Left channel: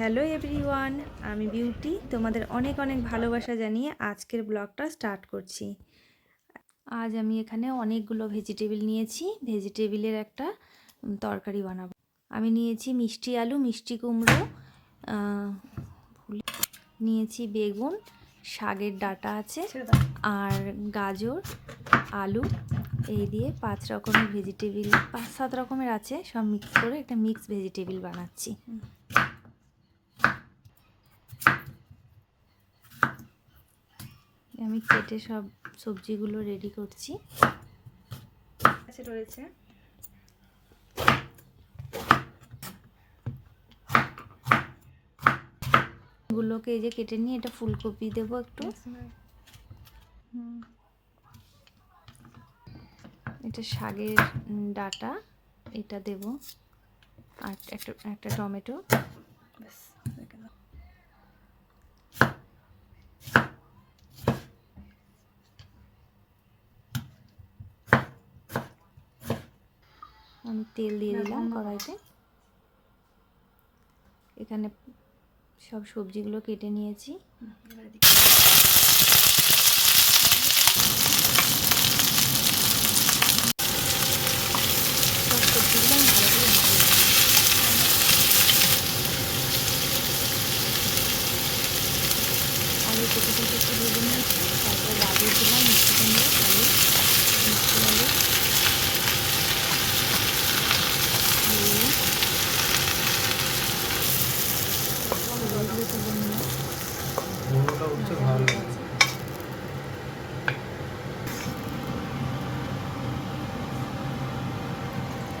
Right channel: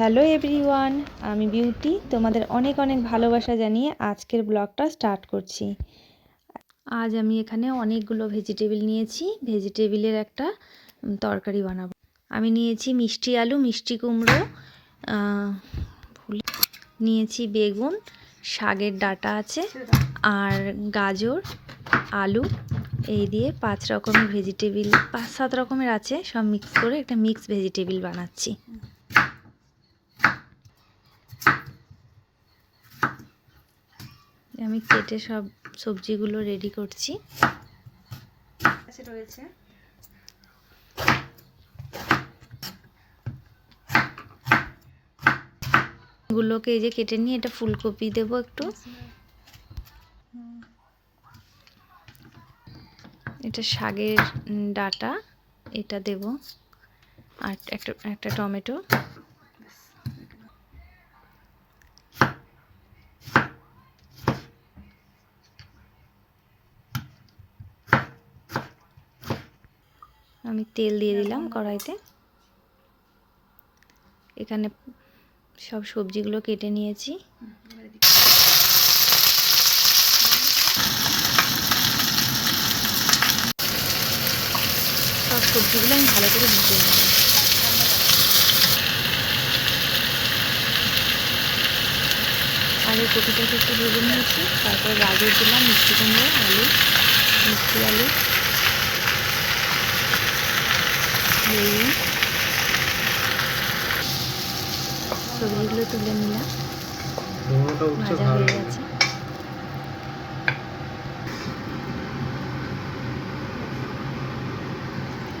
Hello everyone, আমি beauty. তোমাদের অনেক অনেক ভালোবাসা জানিয়ে আজকের ব্লগটা স্টার্ট করছি। আজ আমি এখানে অনেকগুলো ভেজিটেবিল নিয়েছি। ভেজিটেবিলের একটা তরকারি বানাবো। আমি নিয়েছি মিষ্টি আলু, মিষ্টি কুমড়ো, নিয়েছি বেগুন, শাকের ডাঁটা আছে, আর গাজর, আলু। এই দিয়ে 5 রকমের ভেজিটেবিল, 5-7 রকমের আছে, সব মিক্স করে একটা মিক্স ভেজিটেবিল বানাচ্ছি। আমি কেটে সব সবজিগুলো রেডি করছি। রয়েছে গুলোকে এই যে কেটে নিয়ে এটা ফুলকপি দেব একটু, এটা শাকের ডাঁটা এটা দেব, আর একটা টমেটো। আমি তেল দিয়ে দিলাম কড়াইতে। এখানে সব সবজিগুলো কেটে নিয়েছি। সব সবজিগুলো আমি ভালো করে ভেজে নিই। আগে কপিটাকে একটু ভেজে নিয়েছি, তারপরে গাজর দিলাম, মিষ্টি কুমড়ো, আলু, মিষ্টি আলু, সবজিগুলো তুলে নিলাম, ভাজা হয়ে গেছে।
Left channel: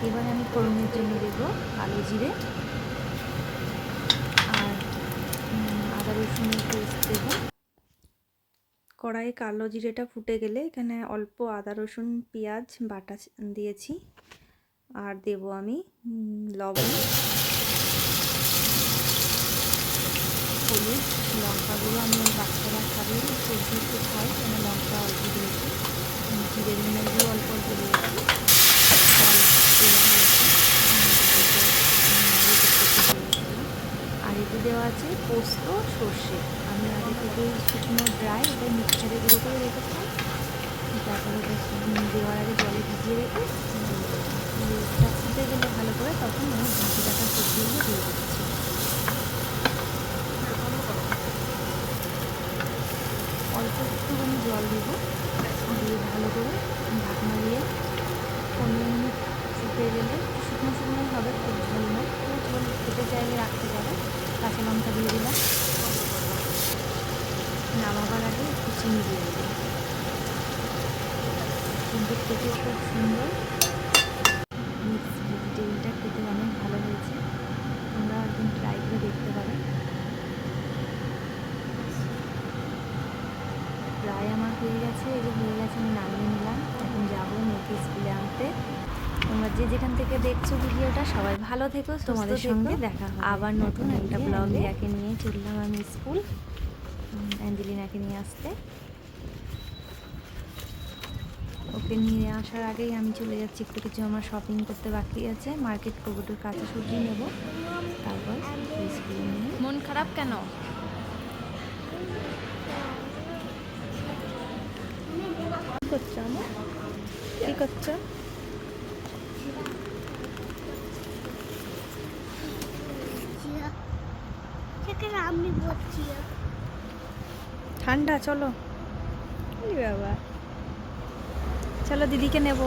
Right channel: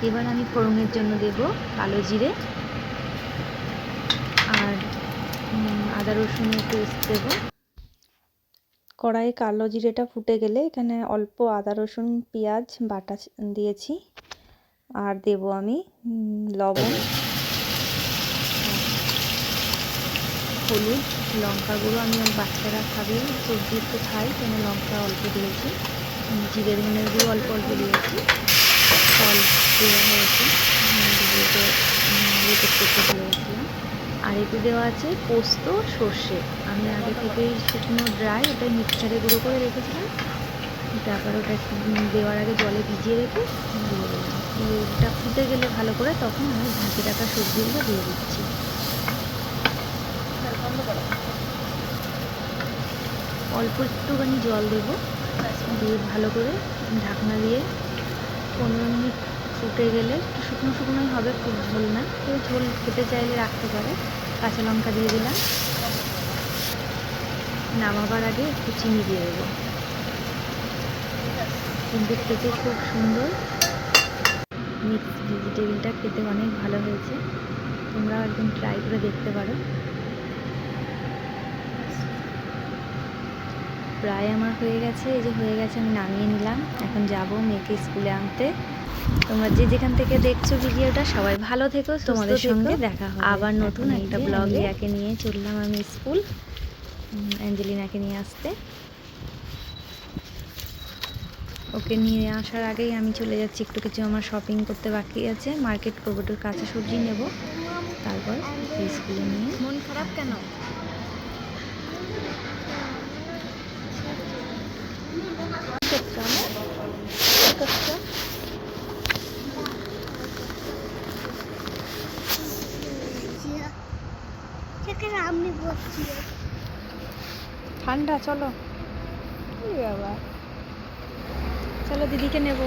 এবার আমি ফোড়নের জন্য দেব কালো জিরে আর আদা রসুনের পেস্ট দেব। কড়াইয়ে কালো জিরেটা ফুটে গেলে এখানে অল্প আদা রসুন পেঁয়াজ বাটা দিয়েছি, আর দেব আমি লবণ, হলুদ, লঙ্কা গুঁড়ো। আমি বাচ্চারা খাবে, সবজি একটু খাই, কেন লঙ্কা অল্প দিয়েছি, জিরে ধনের গুঁড়ো অল্প অল্প দিয়েছি, জল দেওয়া হয়েছে, দিয়েছিলাম। আর এতে দেওয়া আছে পোস্ত, সর্ষে। আমি আগে থেকেই শুকনো ড্রাই ওটাই মিক্সারে গুঁড়ো করে রেখেছিলাম, তারপরে ওটা দেওয়ার আগে জলে ভিজিয়ে রেখে দিয়ে দিলাম। এটা ফুটে গেলে ভালো করে তখন আমি ঢাকে রাখা সবজিগুলো দিয়ে দিচ্ছি। অল্প একটুখানি জল দেবো, দিয়ে ভালো করে ঢাকনা দিয়ে 15 মিনিট ফুটে গেলে একটু শুকনো শুকনোই হবে, খুব ঝোল না। কেউ ঝোল খেতে চাইলে রাখতে পারে। কাঁচা লঙ্কা দিয়ে দিলাম, নামাবার আগে একটু চিনি দিয়ে দেবো। কিন্তু খেতে খুব সুন্দর, মিক্স ভেজিটেবিলটা খেতে অনেক ভালো হয়েছে। তোমরাও একদিন ট্রাই করে দেখতে পারো। প্রায় আমার হয়ে গেছে, এই যে হয়ে গেছে, আমি নামিয়ে নিলাম। এখন যাব মেয়েকে স্কুলে আনতে। তোমরা যে যেখান থেকে দেখছো ভিডিওটা সবাই ভালো থেকো, তোমাদের সঙ্গে দেখা হবে আবার নতুন একটা ব্লগ। রিয়াকে নিয়ে চললাম আমি স্কুল, অ্যাঞ্জেলিনাকে নিয়ে আসতে। ওকে নিয়ে আসার আগেই আমি চলে যাচ্ছি, একটু কিছু আমার শপিং করতে বাকি আছে, মার্কেট করবো, একটু কাঁচা সবজি নেব, তারপর স্কুলে নিয়ে। মন খারাপ কেন? ঠান্ডা, চলো বাবা, চলো দিদিকে নেব।